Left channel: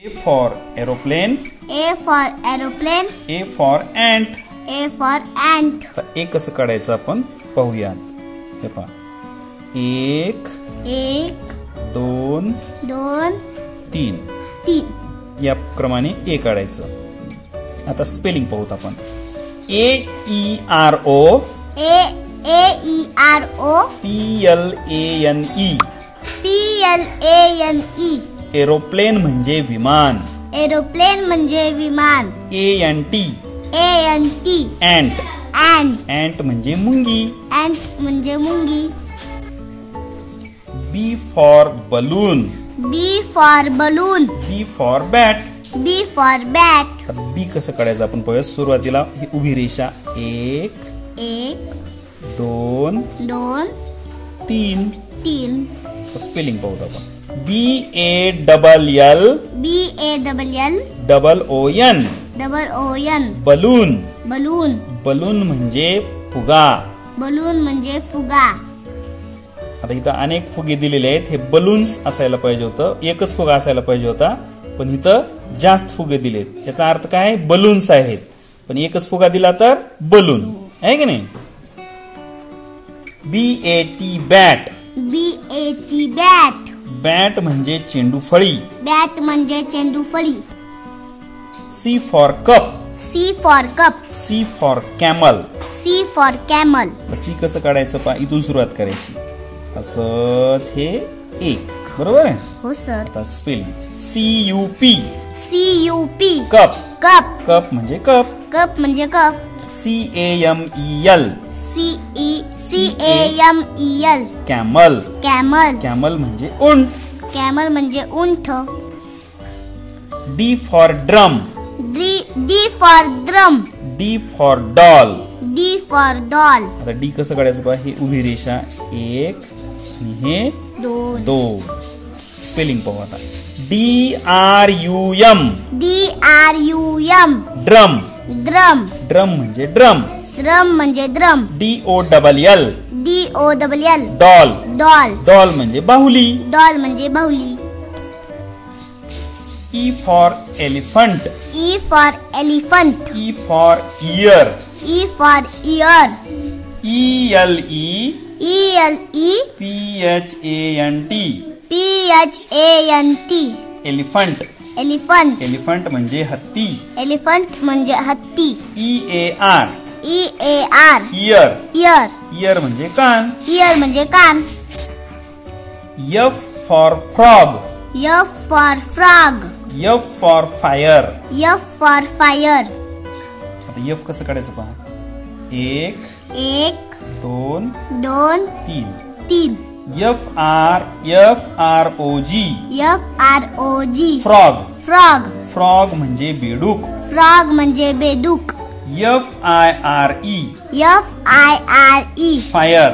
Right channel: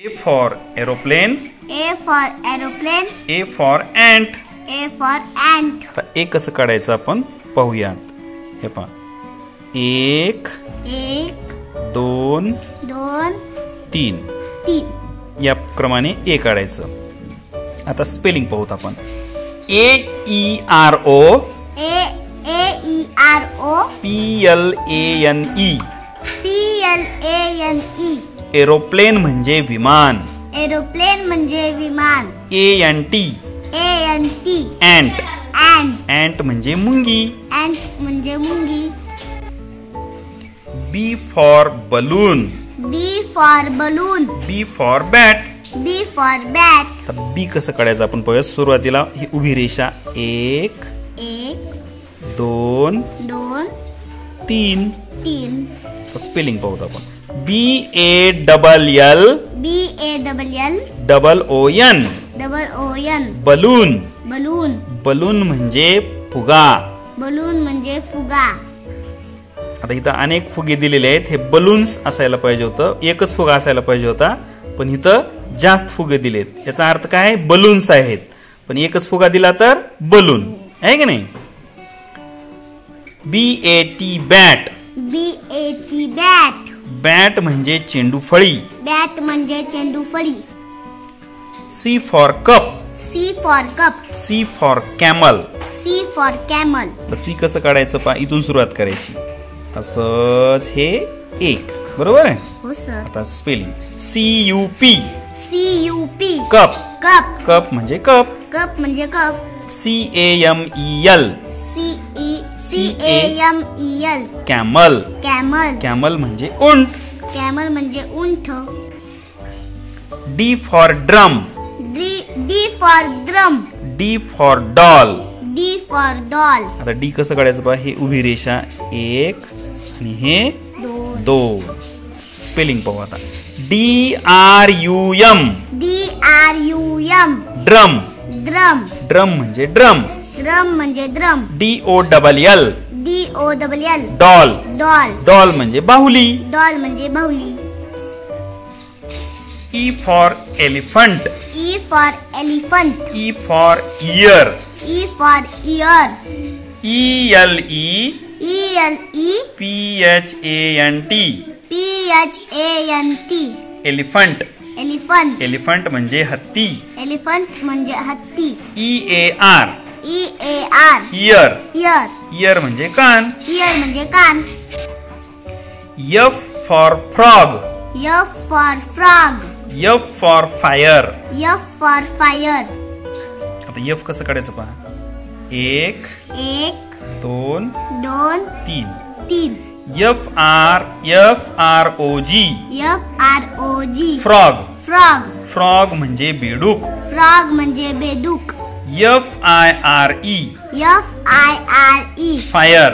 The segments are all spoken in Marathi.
A for aeroplane. A for aeroplane. A for ant. A for ant. आता ए कसं काढायचं आपण पाहूयात. हे पहा, 1 2 2 3 3 या क्रमाने ए काढायचं. आता स्पेलिंग पाहूत आपण. AERO PLANE एरोप्लेन म्हणजे विमान. एरोप्लेन म्हणजे विमान. ANT ant ant म्हणजे मुंगी. ant म्हणजे मुंगी. B for balloon. B for balloon. B for bat. B for bat. बी कसं काढायचं आपण पाहूया. सुरुवातीला ही उभी रेषा 1 2 3 स्पेलिंग पाहूत आपण. BALL balloon. बलून म्हणजे फुगा. बलून म्हणजे फुगा. आता इथं अनेक फुगे दिलेले आहेत. हे बलून्स असायला पाहिजे होतं. एकच फुगा असायला पाहिजे होता, पण इथं जास्त फुगे दिलेत. याचा अर्थ काय? बलून्स आहेत. पण एकच फुगा दिला तर बलून आहे की नाही. BAT bat. बॅट म्हणजे चेंडू फळी. बॅट म्हणजे चेंडू फळी. C for cup. C for cup. C for camel. C for camel. C कसं काढायचं पहा. इथून सुरुवात करायची. असंच हे एक. बरोबर आहे. हो सर. आता स्पेलिंग CUP कप. कप म्हणजे कप. कप म्हणजे कप. CAMEL camel. कॅमल म्हणजे उंट. कॅमल म्हणजे उंट. D for drum. D for drum. D for doll. आता D कसं काढायचं पहा. हे उभी रेषा 1 आणि हे 2. स्पेलिंग पाहू आता. DRUM drum. ड्रम म्हणजे ड्रम. DOLL doll. डॉल म्हणजे बाहुली. E for elephant. E for ear. ELEPHANT elephant. Elephant म्हणजे हत्ती. EAR year. इयर म्हणजे कान. F for frog. F for fire. आता F कसं काढायचं पहा. 1 2 3 FROG फ्रॉग. फ्रॉग म्हणजे बेडूक. FIRE fire.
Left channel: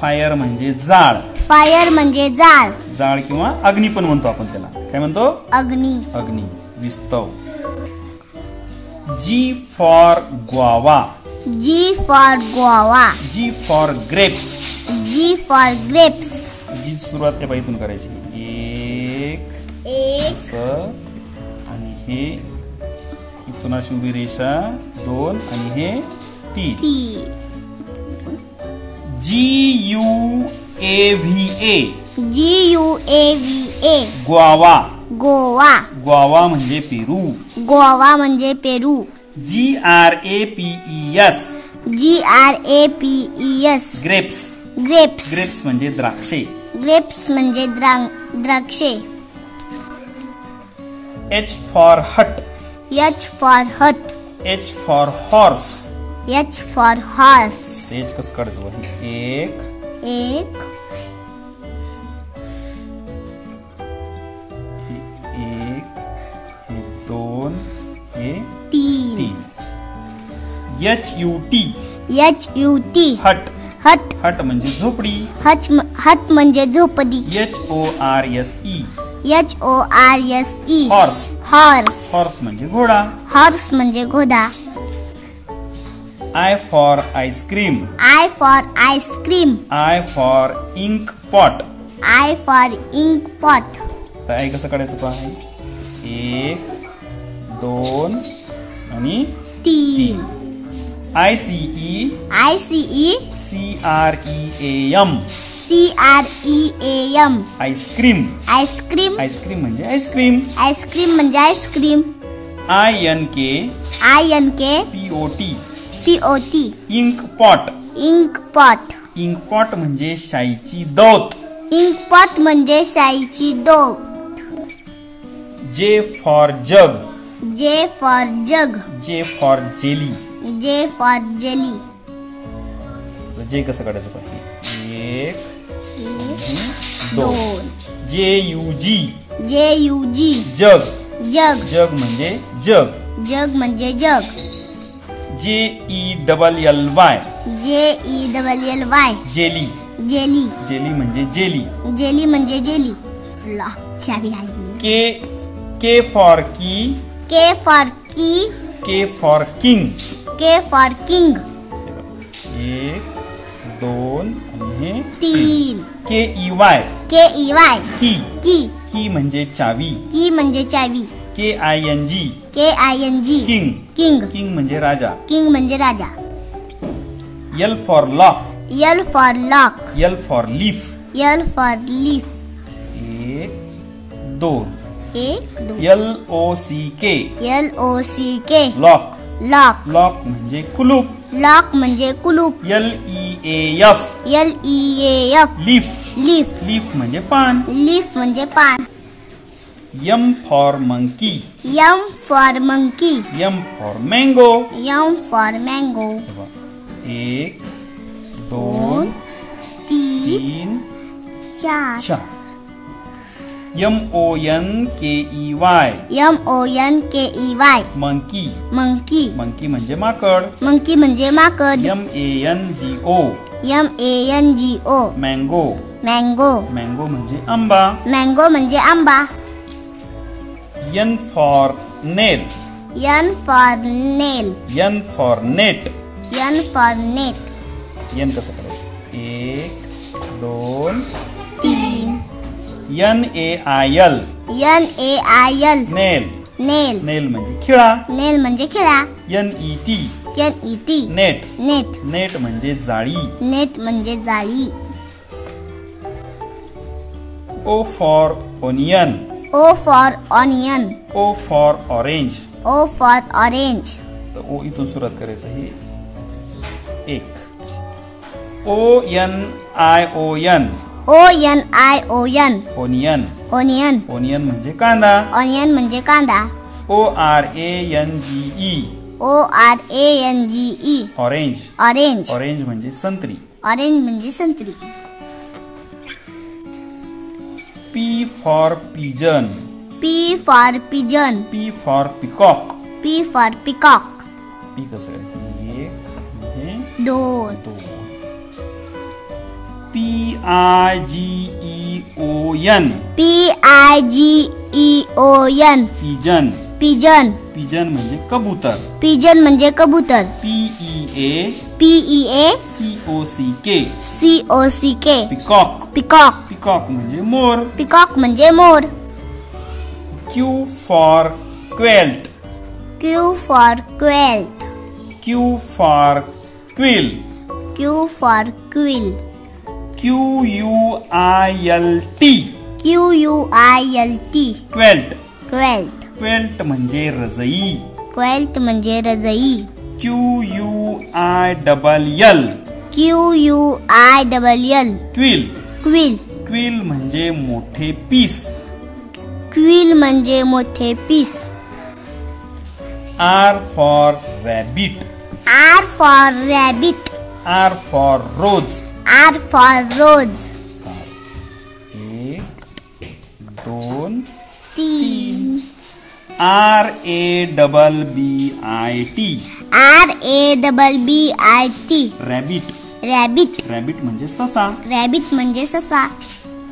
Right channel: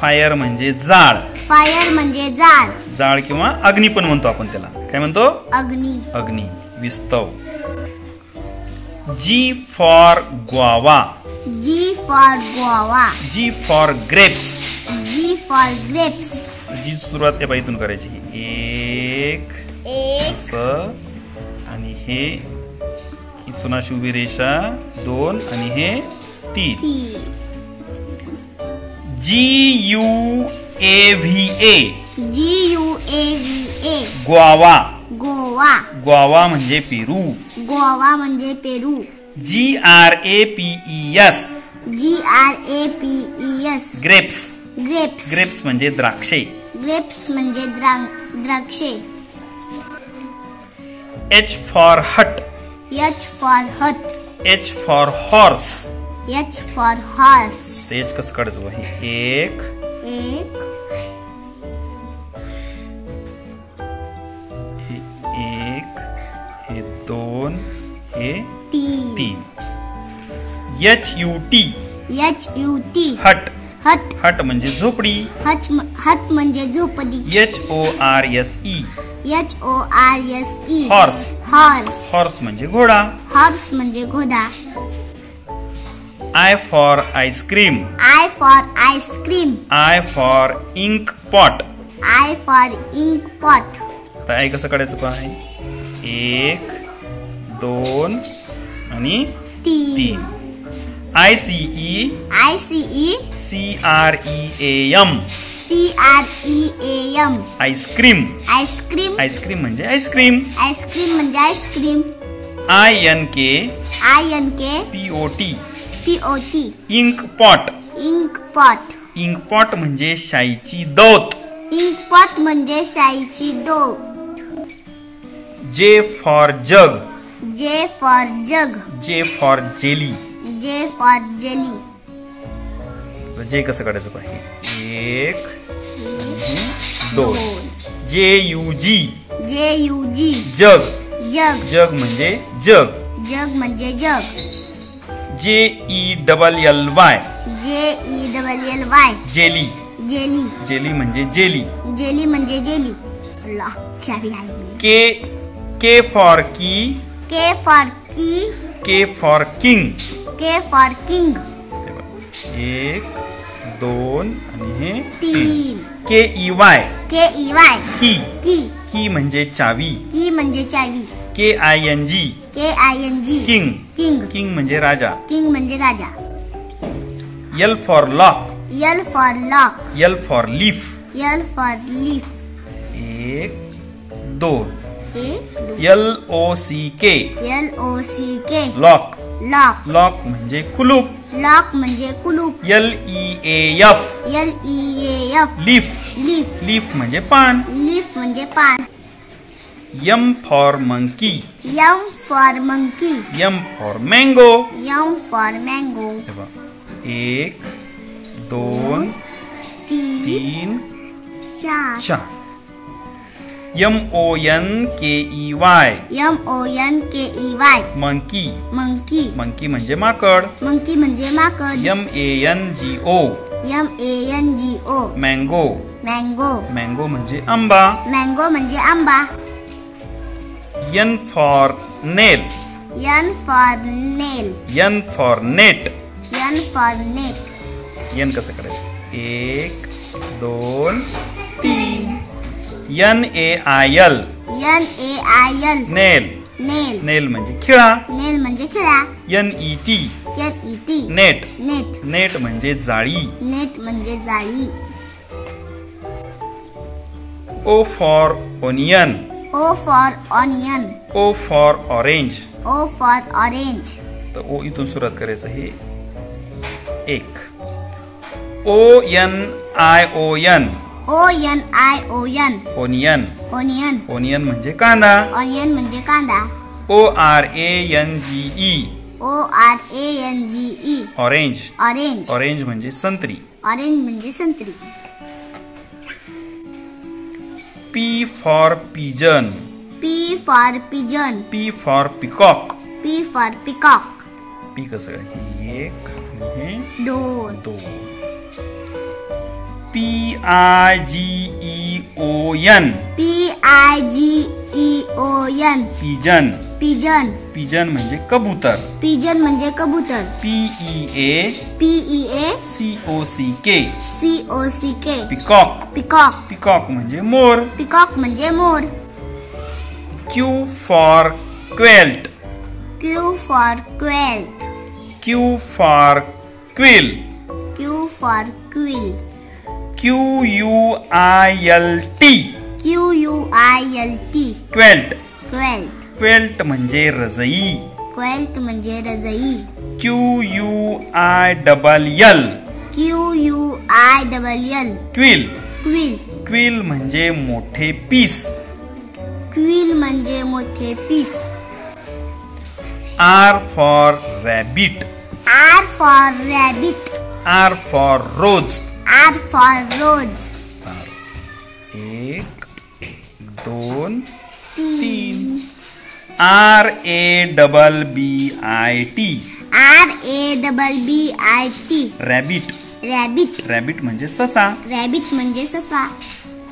फायर म्हणजे जाळ. जाळ किंवा अग्नी पण म्हणतो आपण त्याला. काय म्हणतो? अग्नी. विस्तव. G for guava. G for grapes. जी सुरुवात त्या इथून करायची. 1 असं आणि हे इथून अशी उभी रेषा 2 आणि हे 3. GUAVA guava. ग्वावा म्हणजे पेरू. GRAPES grapes. ग्रेप्स म्हणजे द्राक्षे. H for hut. H for horse. H कसं काढायचं? 1 हे 2 हे 3. HUT हट. हट म्हणजे झोपडी. हट म्हणजे झोपडी. HORSE हॉर्स म्हणजे घोडा. I for ice cream. I for ink pot. आता I कसं काढायचं पहा. 1 2 आणि तीन. 3. ICE CREAM CREAM ice cream. Ice cream. Ice cream म्हणजे आईस्क्रीम. आईस्क्रीम म्हणजे ice cream. INK POT POT ink pot. Ink pot. Ink pot म्हणजे शाईची दौत. इंक पॉट म्हणजे शाईची दो. J for jug. J for jug. J for jelly. J for jelly. J कसं काढायचं पाहिजे. 1 2. JUG JUG जग. जग. जग म्हणजे जग. जग म्हणजे जग. JELLY JELLY jelly. Jelly. Jelly म्हणजे जेली. जेली म्हणजे जेली. चावी लागली. K फॉर की. K फॉर की. K for king. K for king. 1 2 आणि हे 3. KEY KEY की. की. की म्हणजे चावी. की म्हणजे चावी. KING KING king. King. King म्हणजे राजा. किंग म्हणजे राजा. L for lock. L for lock. L for leaf. L for leaf. 1 2. 1 LOCK LOCK lock. Lock. Lock म्हणजे कुलूप. लॉक म्हणजे कुलूप. LEAF LEAF leaf. Leaf. Leaf म्हणजे पान. लीफ म्हणजे पान. M for monkey. M for monkey. M for mango. M for mango. 1 2 3 3 4 4. MONKEY MONKEY monkey. Monkey. Monkey म्हणजे माकड. मंकी म्हणजे माकड. MANGO MANGO mango. Mango. Mango म्हणजे आंबा. मँगो म्हणजे आंबा. N for nail. N for nail. N for net. N for net. N कसं करायचं. 1 2 3 NAIL NAIL नेल. नेल. नेल म्हणजे खिळा. नेल म्हणजे खिळा. NET NET net. Net. Net म्हणजे जाळी. नेट म्हणजे जाळी. O for onion. O for onion. O for orange. O for orange. तर O इथून सुरुवात करायचं. हे 1 ONION ONION onion. Onion. Onion म्हणजे कांदा. ऑनियन म्हणजे कांदा. ORANGE ORANGE orange. Orange. Orange म्हणजे संत्री. ऑरेंज म्हणजे संत्री. P for pigeon. P for pigeon. P for peacock. P for peacock. P कसं आहे. 1 हे 2 2. PIGEON PIGEON pigeon. Pigeon. Pigeon म्हणजे कबूतर. पिजन म्हणजे कबूतर. PEACOCK COCK peacock. Peacock. Peacock म्हणजे मोर. पिकॉक म्हणजे मोर. Q for quilt. Q for quill. Q for quill. Q for quill. QUILT QUILT quilt. Quilt. Quilt म्हणजे रजई. क्वेल्ट म्हणजे रजई. QUILL QUILL quill. Quill. Quill म्हणजे मोठे पीस. क्विल म्हणजे मोठे पीस. R for rabbit. R for rabbit. R for rose. R for rose. 1 2 3 RABBIT rabbit. Rabbit. Rabbit म्हणजे ससा. रॅबिट म्हणजे ससा.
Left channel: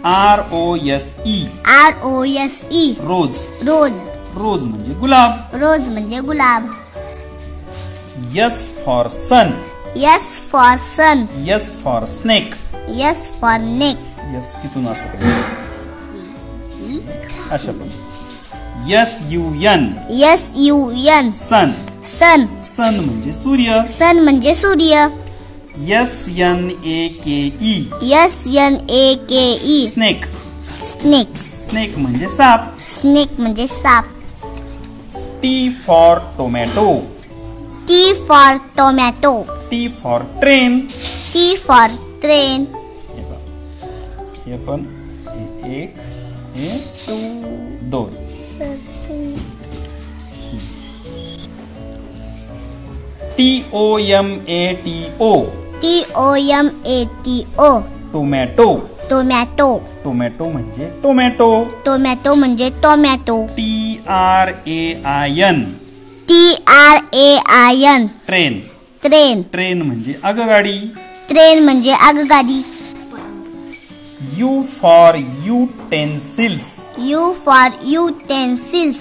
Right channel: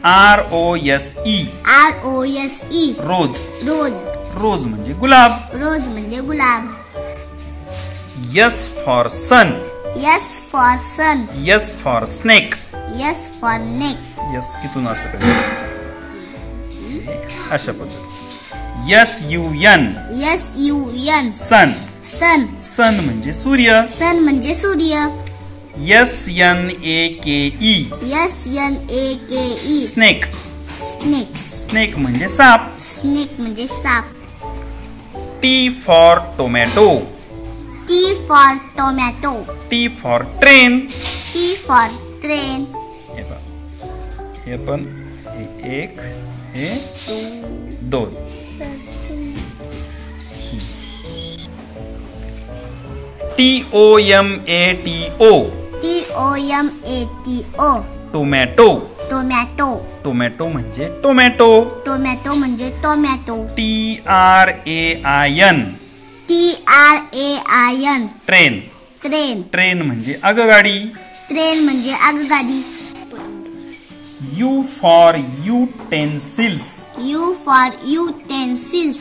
ROSE ROSE रोज. रोज. रोज म्हणजे गुलाब. रोज म्हणजे गुलाब. S for sun. S for sun. S for snake. S for neck. S इथून असं करायचं. अशा पद्धतीने SUN SUN सन. सन सन म्हणजे सूर्य. सन म्हणजे सूर्य. SNAKE SNAKE snake. Snake snake म्हणजे साप. स्नेक म्हणजे साप. T for tomato. T for tomato. T for train. T for train. हे पण हे 1 हे 2. TOMATO TOMATO tomato. Tomato. Tomato म्हणजे टोमॅटो. टोमॅटो म्हणजे tomato. TRAIN TRAIN train. Train. Train म्हणजे आगगाडी. ट्रेन म्हणजे आगगाडी. U for utensils. U for utensils.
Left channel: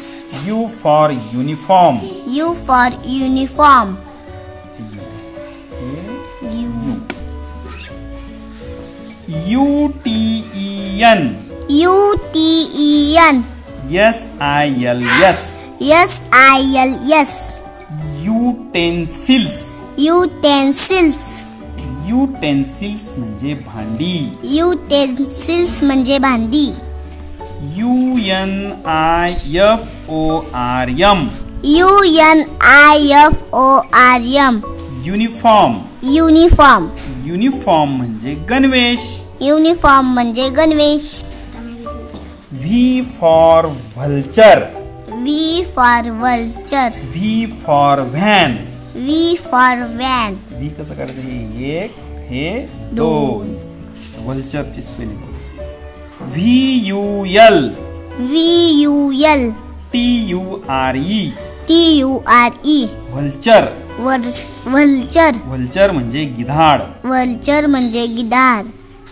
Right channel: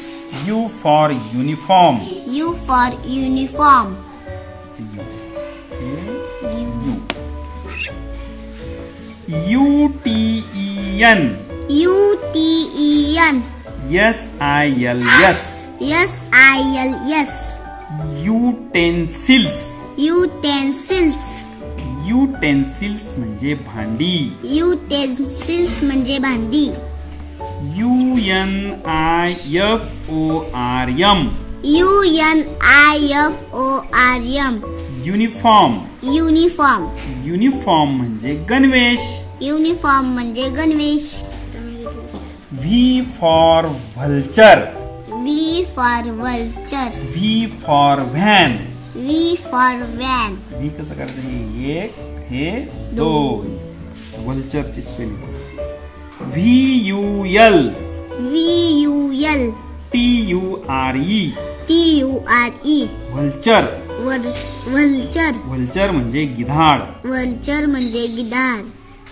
U for uniform. U for uniform. UTEN UTEN SILS SILS utensils. Utensils. Utensils म्हणजे भांडी. युटेन्सिल्स म्हणजे भांडी. UNIFORM UNIFORM uniform. Uniform. Uniform म्हणजे गणवेश. युनिफॉर्म म्हणजे गणवेश. V for vulture. V for vulture. V for van. V for van. V कसं करायचं? हे 1 हे 2. व्हल्चरची spelling VUL VUL TURE TURE vulture. Vulture. Vulture म्हणजे गिधाड. वल्चर म्हणजे गिधाड.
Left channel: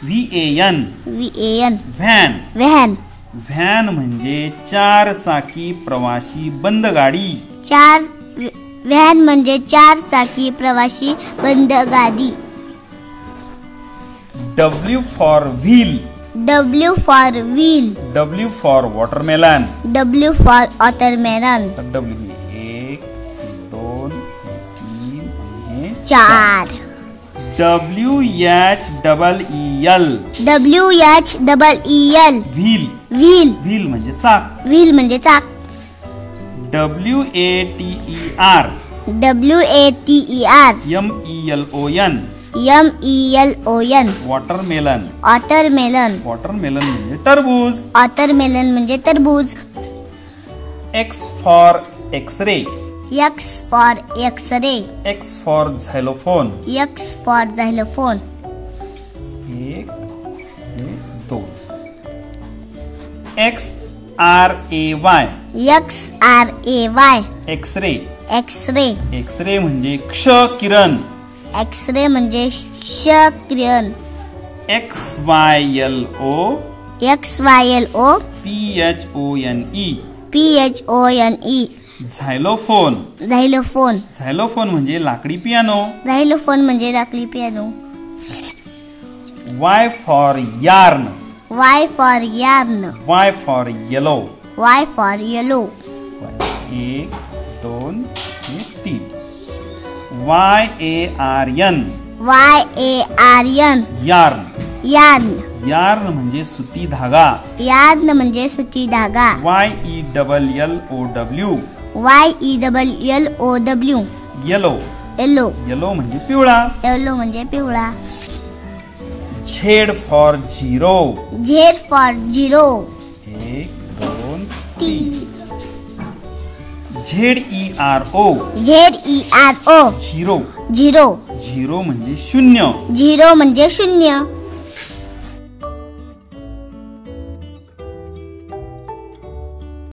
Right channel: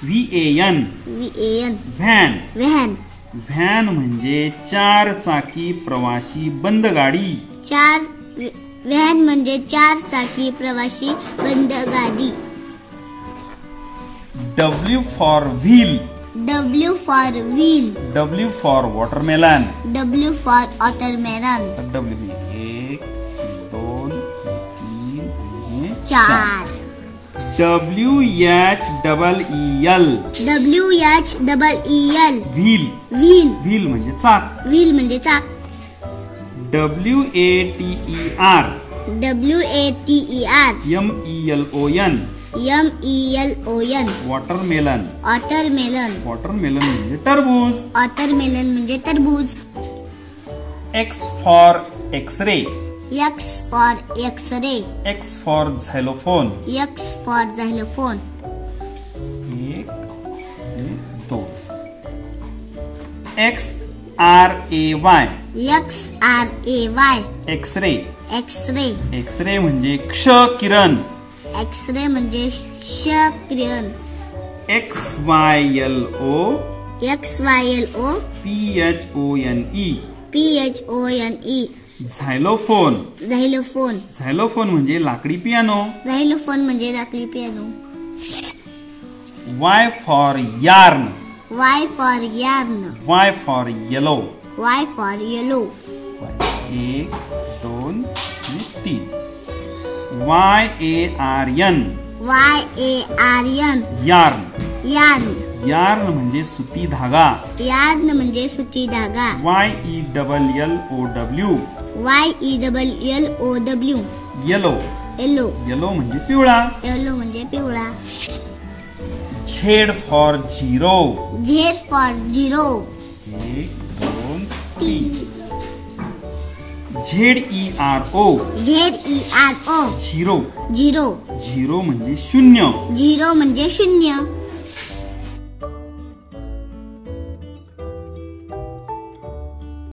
VAN VAN van. Van. Van म्हणजे 4 चाकी प्रवासी बंद गाडी. व्हॅन म्हणजे 4 चाकी प्रवासी बंद गाडी. W for wheel. W for wheel. W for watermelon. W for watermelon. W 1 2 3 आणि 4. WHEEL WHEEL wheel. Wheel. Wheel म्हणजे चाक. व्हील म्हणजे चाक. WATER WATER MELON MELON watermelon. Watermelon. Watermelon म्हणजे टरबूज. वॉटरमेलन म्हणजे टरबूज. X for X ray. X for X ray. X for xylophone. X for xylophone. 1 2. XRAY XRAY X ray. X ray. X ray म्हणजे क्ष किरण. एक्सरे म्हणजे क्ष किरण. XYLO XYLO PHONE झॅलोफोन. झॅलोफोन. झॅलोफोन म्हणजे लाकडी पियानो. झॅलोफोन म्हणजे लाकडी piano. Y for yarn. Y for yarn. Y for yellow. Y for yellow. 1 2 3. YARN YARN yarn. Yarn. Yarn म्हणजे सुती धागा. यार्न म्हणजे सुती धागा. YELLOW YELLOW yellow. Yellow. Yellow म्हणजे पिवळा. येलो म्हणजे पिवळा. Z for zero. Z for zero. 1 2 3. ZERO ZERO zero. Zero. Zero म्हणजे शून्य. झिरो म्हणजे शून्य.